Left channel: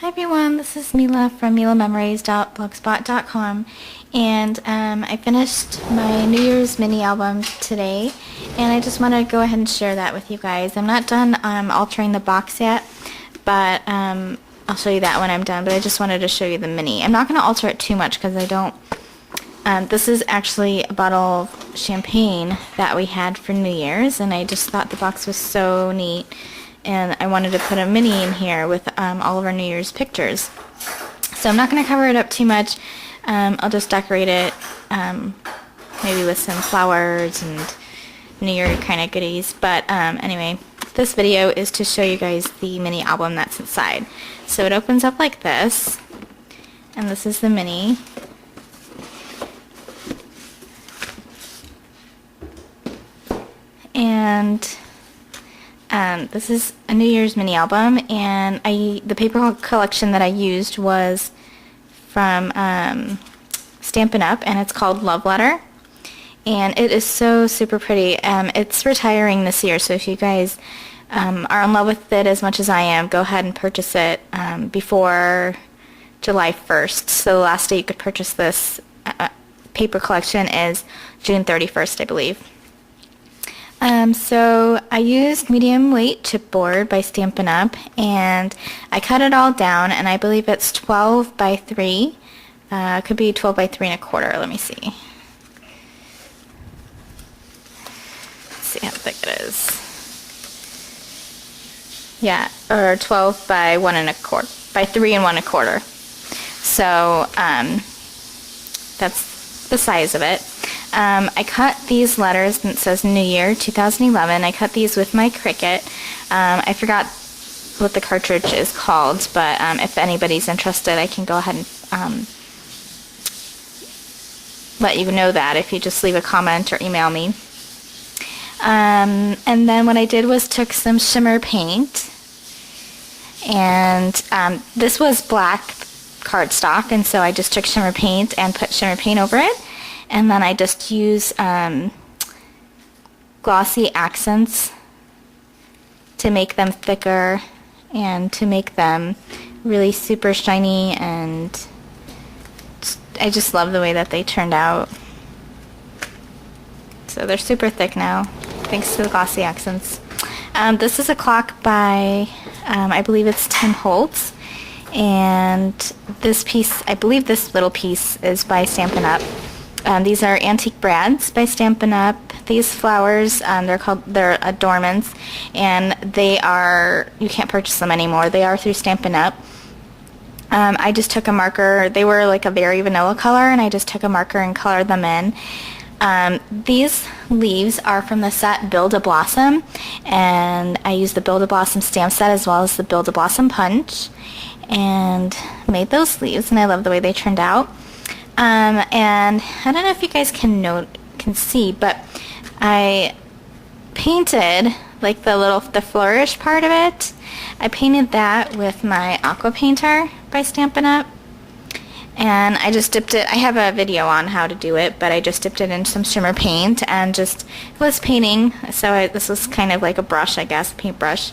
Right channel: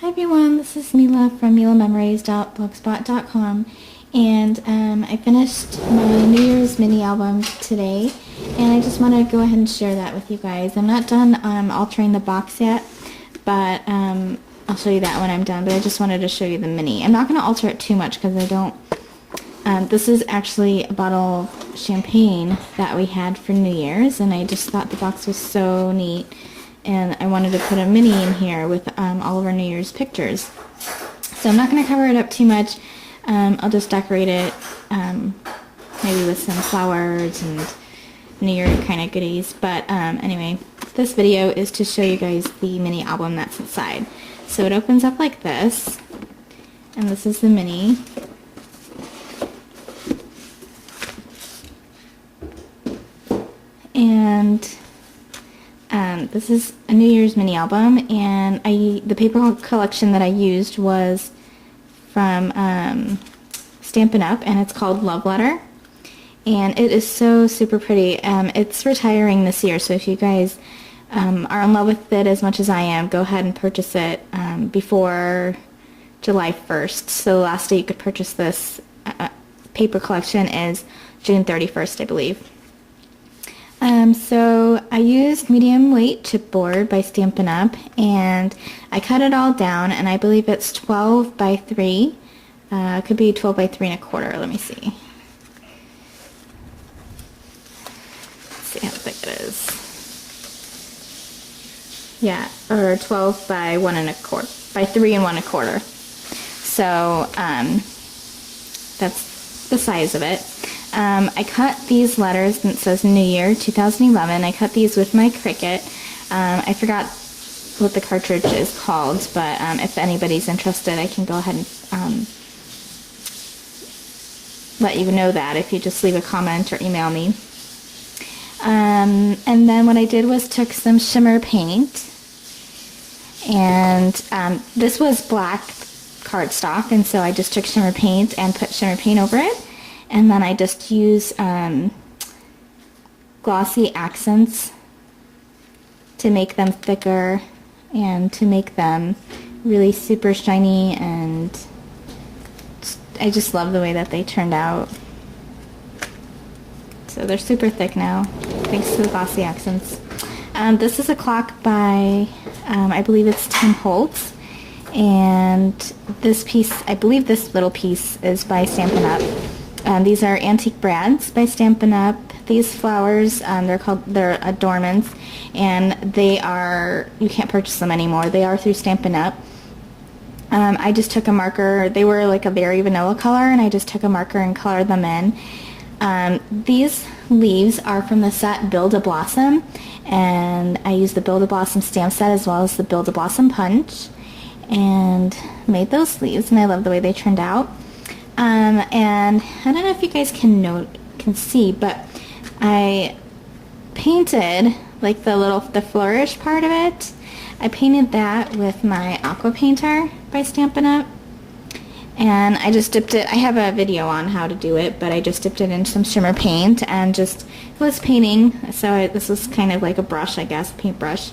Hi everyone, this is Mila from milamemories.blogspot.com, and I finished my New Year's mini album today, and I just want to go ahead and share that with you guys. I'm not done altering the box yet, but I'll show you that when I'm done, but I just wanted to show you the mini. I'm not going to alter it too much because I don't. This is actually a bottle of champagne that we had for New Year's, and I just thought the box was so neat. And I wanted to put a mini in here with all of our New Year's pictures. So I'm not going to cover it up too much. I'll just decorate it maybe with some flowers and New Year kind of goodies. But anyway, this video is to show you guys the mini album that's inside. So it opens up like this, and this is the mini. And this is a New Year's mini album, and the paper collection that I used was from Stampin' Up, and it's called Love Letter, and it is so super pretty. It's retiring this year, so if you guys are in love with it as much as I am, go ahead and purchase it before July 1st. So the last day you could purchase this paper collection is June 31st, I believe. So I used medium weight chipboard by Stampin' Up, and I cut it all down, and I believe it's 12 by 3. It could be 12 by 3 1/4. Let me see. Let's see how thick it is. Yeah, or 12 by 1 1/4, by 3 1 1/4. So that's the size of it. I cut these letters, and it says New Year 2011. I cut these with my Cricut. I forgot what the cartridge is called, but if anybody's interested, I can go ahead and let you know that if you just leave a comment or email me. And then what I did was took some shimmer paint, and this was black cardstock, and so I just took shimmer paint and put shimmer paint over it. And then I just use glossy accents to make them thicker and to make them really super shiny, and I just love the way that they turned out. So they're super thick now, thanks to the glossy accents. This is a clock by, I believe it's Tim Holtz, and this piece, I believe this little piece is by Stampin' Up. These are Antique Brads by Stampin' Up. These flowers, they're adornments, and they are, you can't purchase them anymore. They are through Stampin' Up. I just took a marker. They were like a very vanilla color, and I just took a marker and colored them in. These leaves are from the set Build a Blossom, and I used the Build a Blossom stamp set as well as the Build a Blossom punch, and made those leaves, and I love the way they turned out. And I don't know if you guys can see, but I painted like the flourish part of it. I painted that with my aqua painter by Stampin' Up, and I just dipped it. I have a video on how to do it, but I just dipped it in some shimmer paint and just was painting. So this was kind of like a brush, I guess, a paintbrush.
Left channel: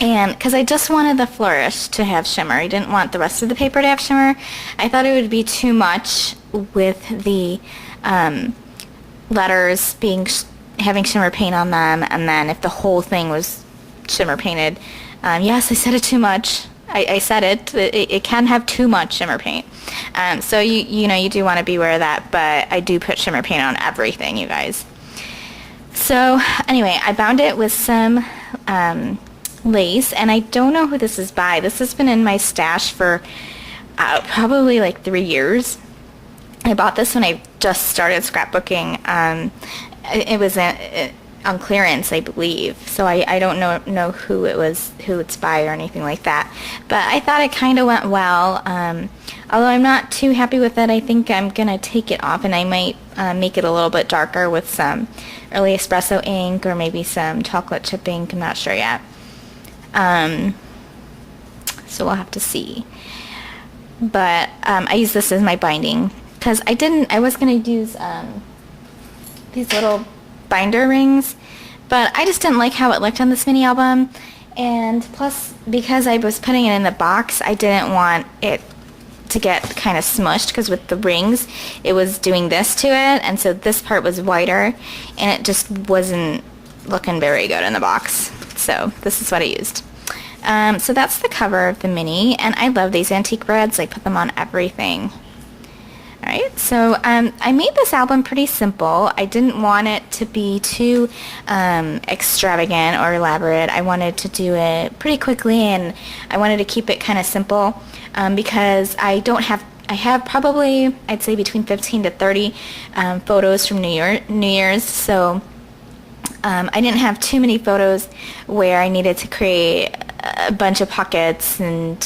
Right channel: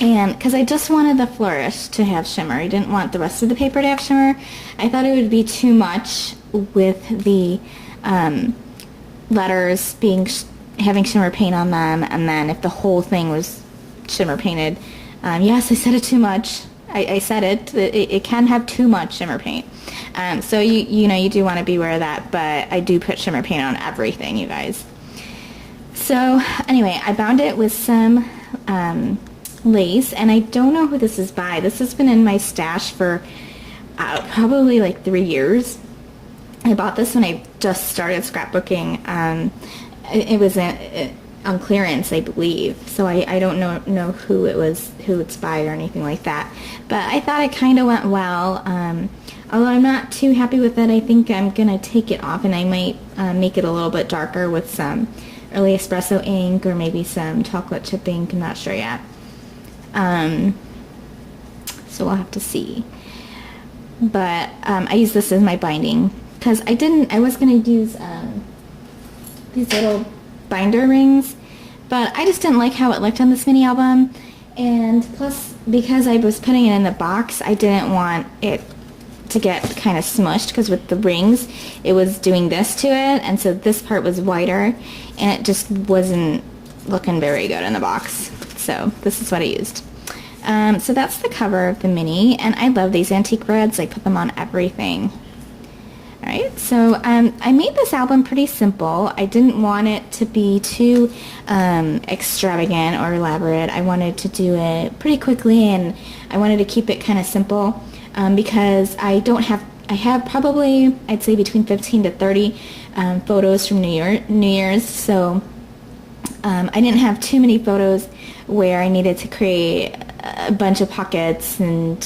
And because I just wanted the flourish to have shimmer, I didn't want the rest of the paper to have shimmer. I thought it would be too much with the letters having shimmer paint on them, and then if the whole thing was shimmer painted. Yes, I said it too much. I said it can have too much shimmer paint. So you do want to beware of that, but I do put shimmer paint on everything, you guys. So anyway, I bound it with some lace, and I don't know who this is by. This has been in my stash for probably like 3 years. I bought this when I just started scrapbooking. It was on clearance, I believe, so I don't know who it's by or anything like that, but I thought it kind of went well. Although I'm not too happy with it, I think I'm gonna take it off, and I might make it a little bit darker with some early espresso ink or maybe some chocolate chip ink. I'm not sure yet. So we'll have to see. But I use this as my binding because I was gonna use these little binder rings, but I just didn't like how it looked on this mini album, And plus, because I was putting it in the box, I didn't want it to get kind of smushed, because with the rings, it was doing this to it, and so this part was whiter, and it just wasn't looking very good in the box. So this is what I used. So that's the cover of the mini, and I love these antique reds. I put them on everything. Alright, so I made this album pretty simple. I didn't want it to be too extravagant or elaborate. I wanted to do it pretty quickly, and I wanted to keep it kind of simple because I have probably, I'd say, between 15 to 30 photos from New Year's, so I didn't have too many photos where I needed to create a bunch of pockets and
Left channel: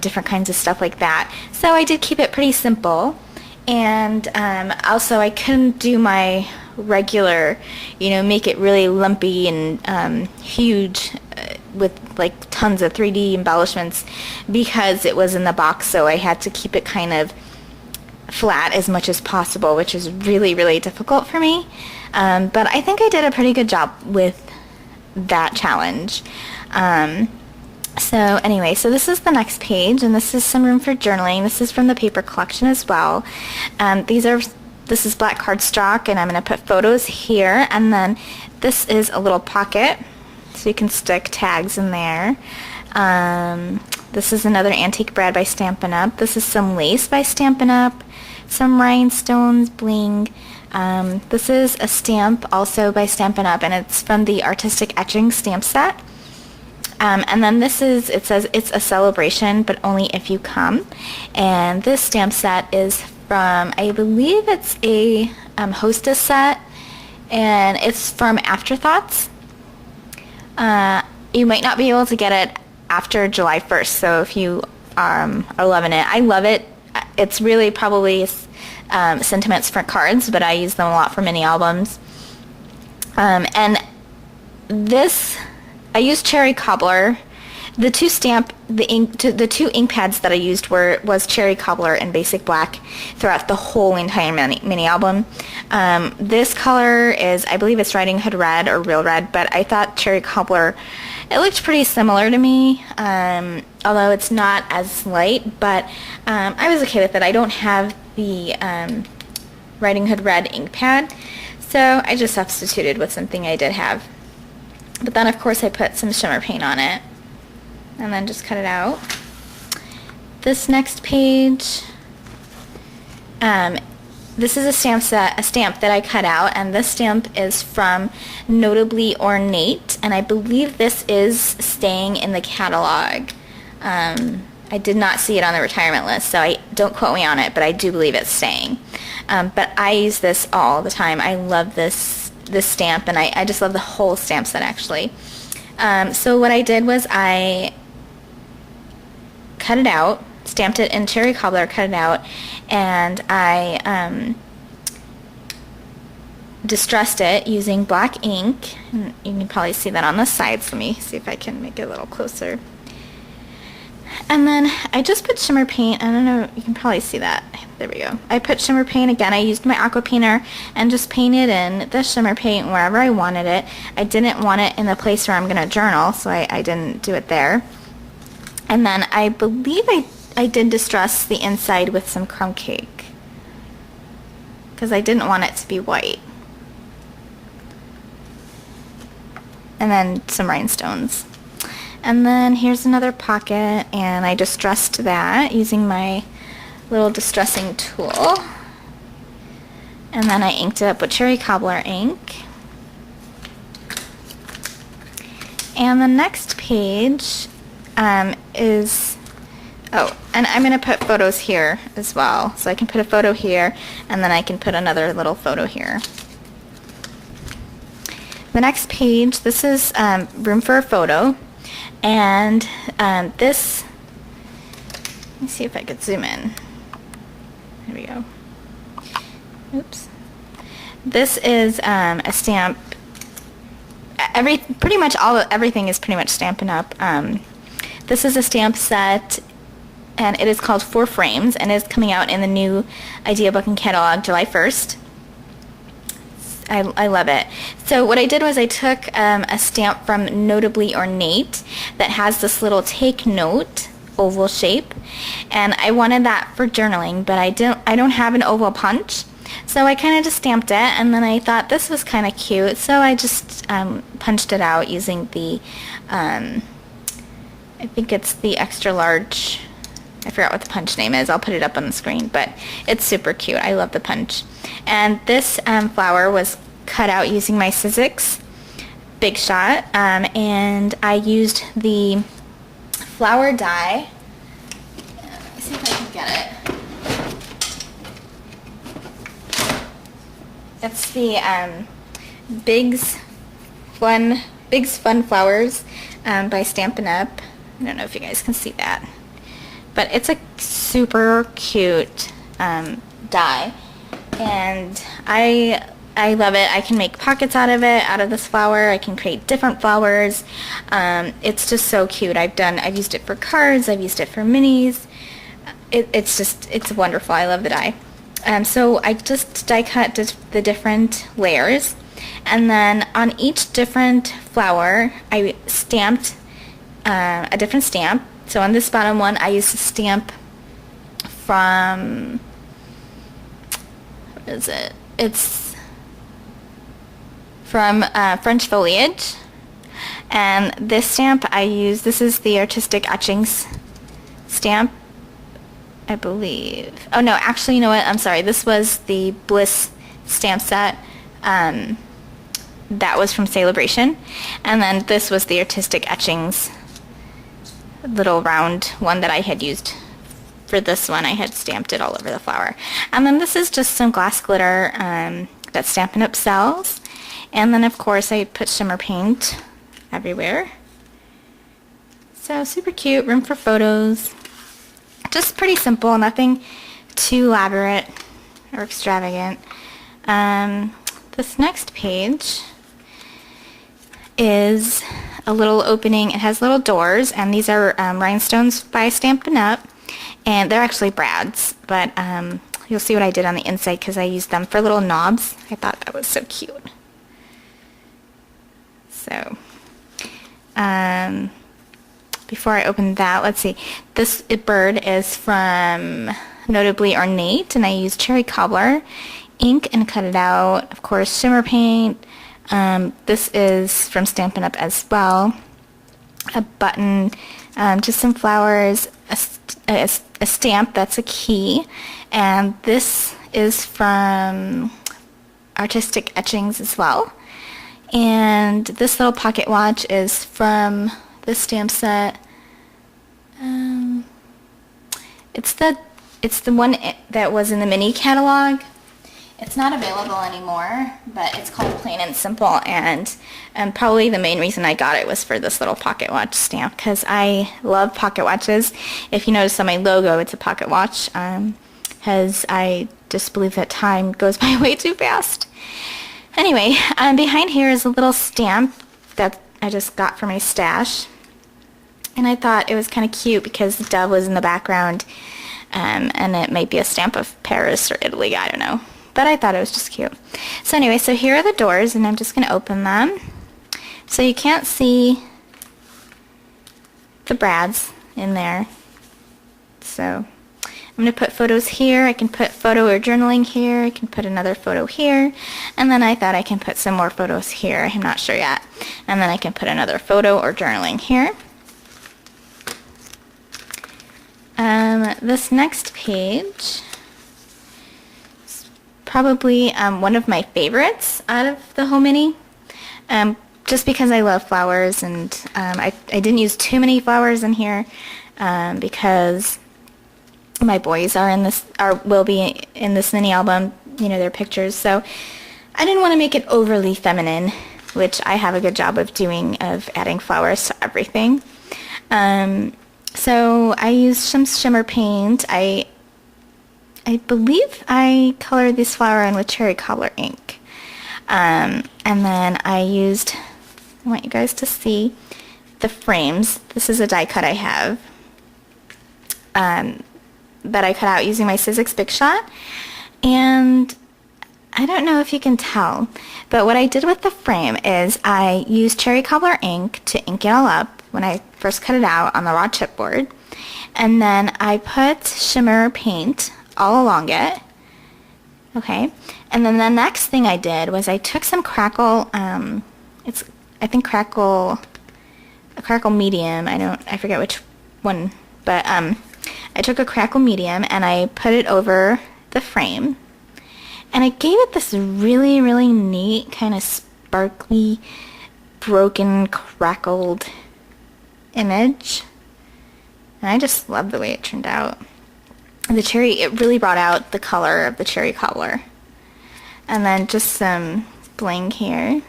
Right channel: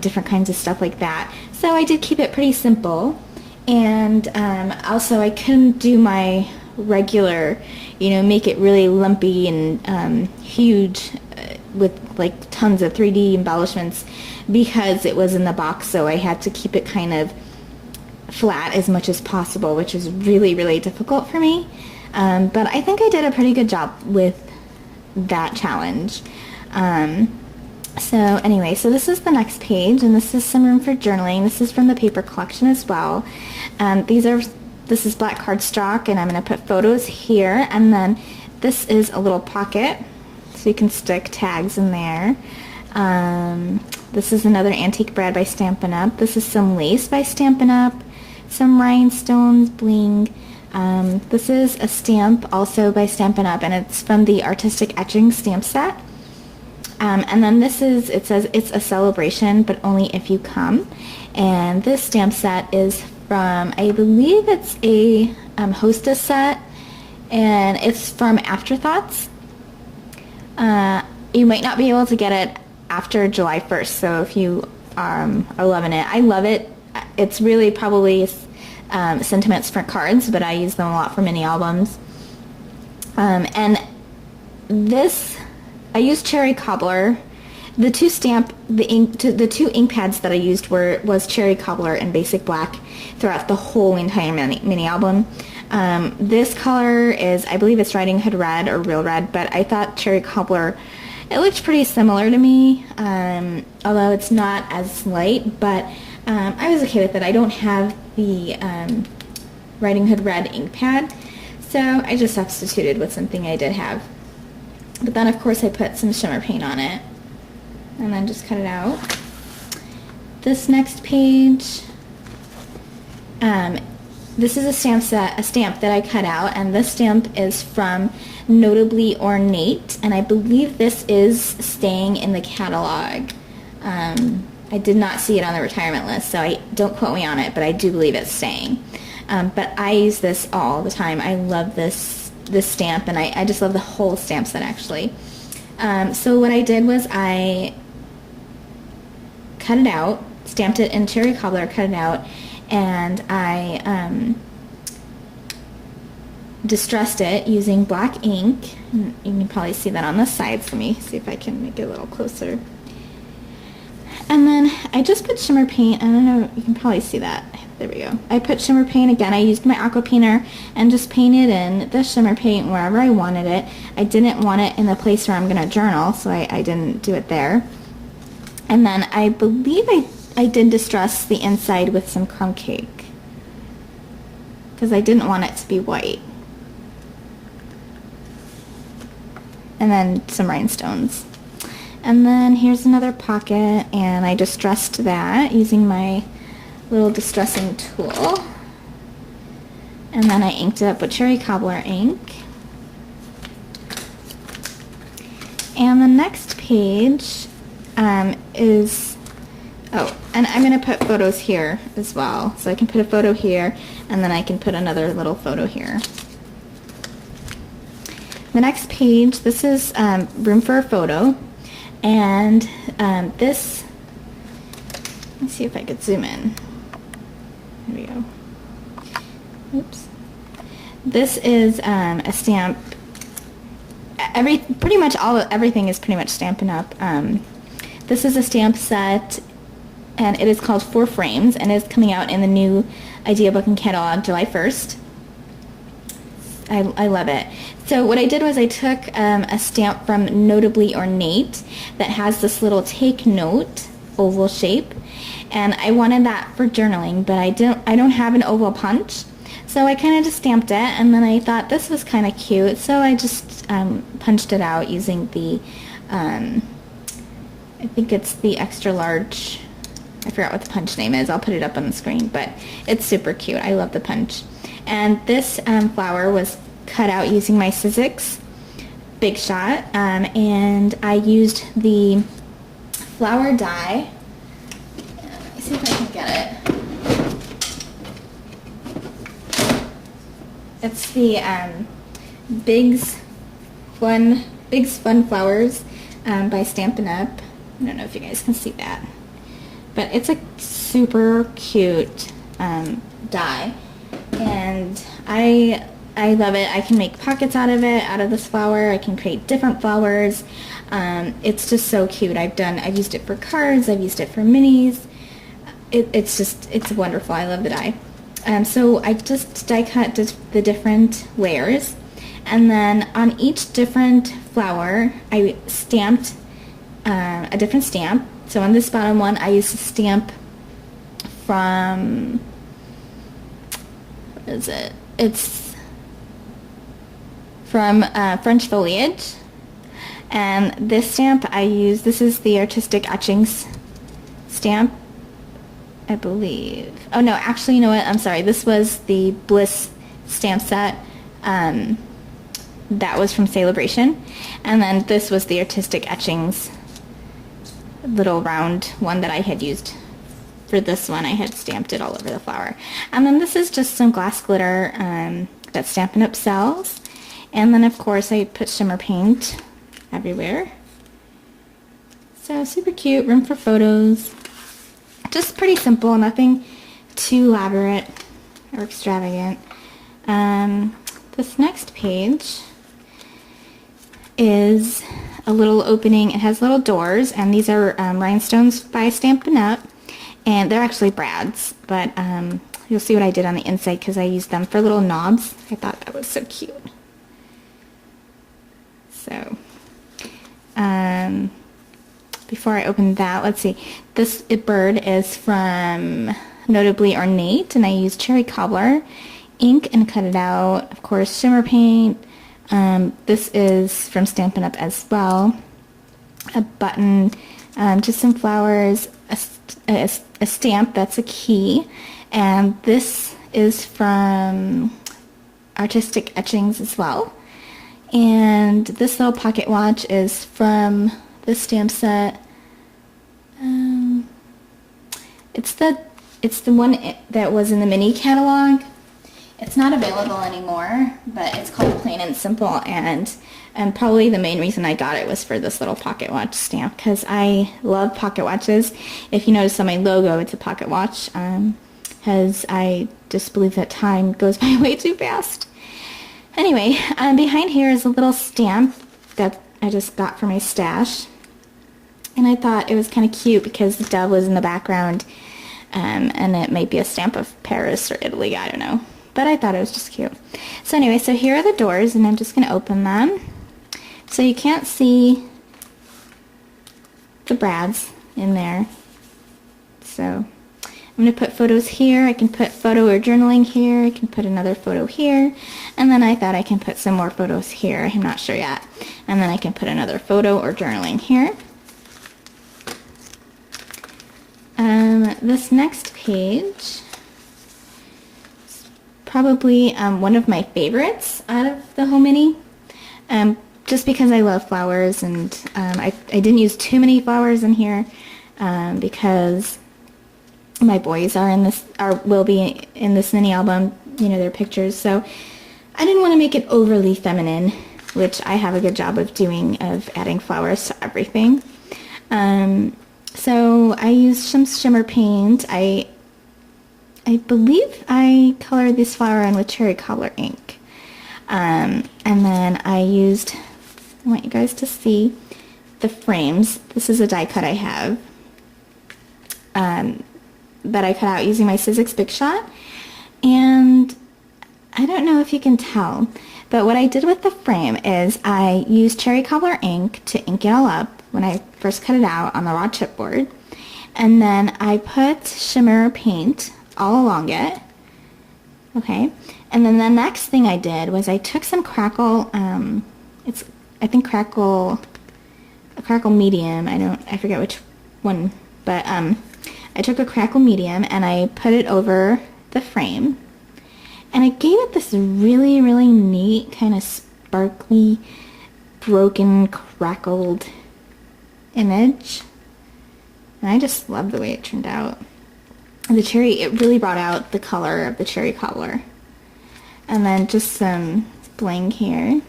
different kinds of stuff like that. So I did keep it pretty simple. And also I couldn't do my regular, make it really lumpy and huge with like tons of 3D embellishments, because it was in the box, so I had to keep it kind of flat as much as possible, which is really, really difficult for me. But I think I did a pretty good job with that challenge. So anyway, so this is the next page, and this is some room for journaling. This is from the paper collection as well. This is black cardstock, and I'm going to put photos here, and then this is a little pocket, so you can stick tags in there. This is another antique brad by Stampin' Up. This is some lace by Stampin' Up, some rhinestones, bling. This is a stamp also by Stampin' Up, and it's from the Artistic Etching stamp set. And then it says it's a celebration, but only if you come. And this stamp set is from, I believe it's a hostess set, and it's from Afterthoughts. You might not be able to get it after July 1st, so if you are loving it. I love it. It's really probably sentiments for cards, but I use them a lot for mini albums. And this, I used Cherry Cobbler. The two ink pads that I used was Cherry Cobbler and Basic Black throughout the whole entire mini album. This color is, I believe it's Riding Hood Red or Real Red, but I thought Cherry Cobbler, it looked pretty similar to me, although it's not as light, but I was okay with it. I don't have the Riding Hood Red ink pad, so I just substituted with something I did have. But then, of course, I put some shimmer paint on it and then just cut it out. This next page, this is a stamp that I cut out, and this stamp is from Notably Ornate, and I believe this is staying in the catalog. I did not see it on the retirement list, so don't quote me on it, but I do believe it's staying. But I use this all the time. I love this stamp, and I just love the whole stamp set, actually. So what I did was I cut it out, stamped it in Cherry Cobbler, cut it out, and I distressed it using black ink. And you can probably see that on the sides. Let me see if I can make it a little closer. And then I just put shimmer paint. I don't know, you can probably see that. There we go. I put shimmer paint again. I used my aqua painter and just painted in the shimmer paint wherever I wanted it. I didn't want it in the place where I'm going to journal, so I didn't do it there. And then I believe I did distress the inside with some crumb cake, because I didn't want it to be white. And then some rhinestones. And then here's another pocket, and I distressed that using my little distressing tool. And then I inked it up with Cherry Cobbler ink. And the next page is, and I'm going to put photos here as well. So I can put a photo here, and then I can put another little photo here. The next page, this is room for a photo. And this, let me see if I could zoom in. There we go. Oops. This is a stamp. Everything is pretty much Stampin' Up. This is a stamp set, and it is called 4 Frames, and it's coming out in the new Idea Book and Catalog July 1st. I love it. So what I did was I took a stamp from Notably Ornate that has this little take note oval shape, and I wanted that for journaling, but I don't have an oval punch, so I kind of just stamped it, and then I thought this was kind of cute, so I just punched it out using the I think it's the extra large. I forgot what the punch name is. I'll put it up on the screen, but it's super cute. I love the punch. And this flower was cut out using my Sizzix Big Shot, and I used the flower die. Let me see if I can get it. It's the Big's Fun Flowers by Stampin' Up. I don't know if you guys can see that. But it's a super cute die, and I love it. I can make pockets out of it, out of this flower. I can create different flowers. It's just so cute. I've used it for cards. I've used it for minis. It's wonderful. I love the die. So I just die cut the different layers, and then on each different flower, I stamped a different stamp. So on this bottom one, I used a stamp from, what is it? It's from French Foliage. And this stamp I used, this is the Artistic Etchings stamp, I believe. Oh no, actually, you know what? I'm sorry. This was the Bliss stamp set. That was from Celebration. And then this was the Artistic Etchings little round one that I had used for this one. I had stamped it all over the flower. And then this is just some glass glitter that Stampin' Up! Sells. And then of course I put shimmer paint everywhere. So super cute, room for photos. Just pretty simple, nothing too elaborate or extravagant. This next page is a little opening. It has little doors, and these are rhinestones by Stampin' Up! And they're actually brads, but you'll see what I did on the inside because I used them for little knobs. I thought that was so cute. So, before I open that, let's see. This bird is from Notably Ornate, and I used cherry cobbler ink and cut it out. Of course, shimmer paint. This is from Stampin' Up! As well. A button, just some flowers, a stamp that's a key, and this is from Artistic Etchings as well. And this little pocket watch is from this stamp set. It's the one that was in the mini catalog. It's not available anymore, but it's called Plain and Simple, and probably the main reason I got it was for this little pocket watch stamp, because I love pocket watches. If you notice on my logo, it's a pocket watch, because I just believe that time goes by way too fast. Anyway, behind here is a little stamp that I just got for my stash, and I thought it was kind of cute because the dove was in the background, and it might be a stamp of Paris or Italy, I don't know. But I thought it was just cute. So anyway, so here are the doors, and I'm just going to open them. So you can't see the brads in there. So I'm going to put photos here. I can put photo or journaling here. I can put another photo here. And then I thought I can put some more photos here. I'm not sure yet. And then I can put another photo or journaling here. This next page, probably one of my favorites out of the whole mini, just because I love flowers, and I didn't use too many flowers in here because my boys will be in this mini album, you know, their pictures, so I didn't want to make it overly feminine, which I have a good job of doing, of adding flowers to everything. So I used some shimmer paint. I believe I colored this flower in with cherry cobbler ink. And then I want you guys to see the frames. This is a die cut I have that I cut out using my Sizzix Big Shot. And I don't know if you can tell, but what I did with the frame is I used cherry cobbler ink to ink it all up when I first cut it out on the raw chipboard. And then I put shimmer paint all along it. Okay. And then the next thing I did was I took some crackle, I think crackle medium. I forget which one, but I took a crackle medium and I put it over the frame. And I gave it this really, really neat, kind of sparkly, broken, crackled image. And I just love the way it turned out. The cherry, it really brought out the color of the cherry cobbler. And then just some bling here.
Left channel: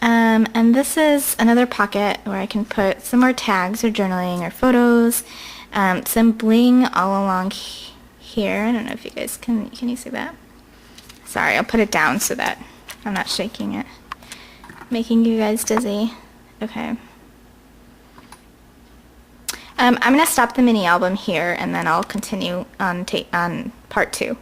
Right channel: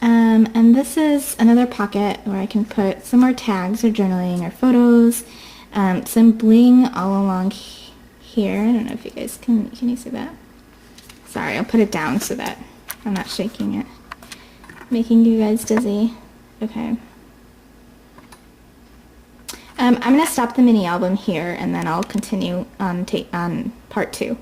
And this is another pocket where I can put some more tags or journaling or photos. Some bling all along here. I don't know if you guys can you see that? Sorry, I'll put it down so that I'm not shaking it, making you guys dizzy. Okay. I'm gonna stop the mini album here and then I'll continue on part 2.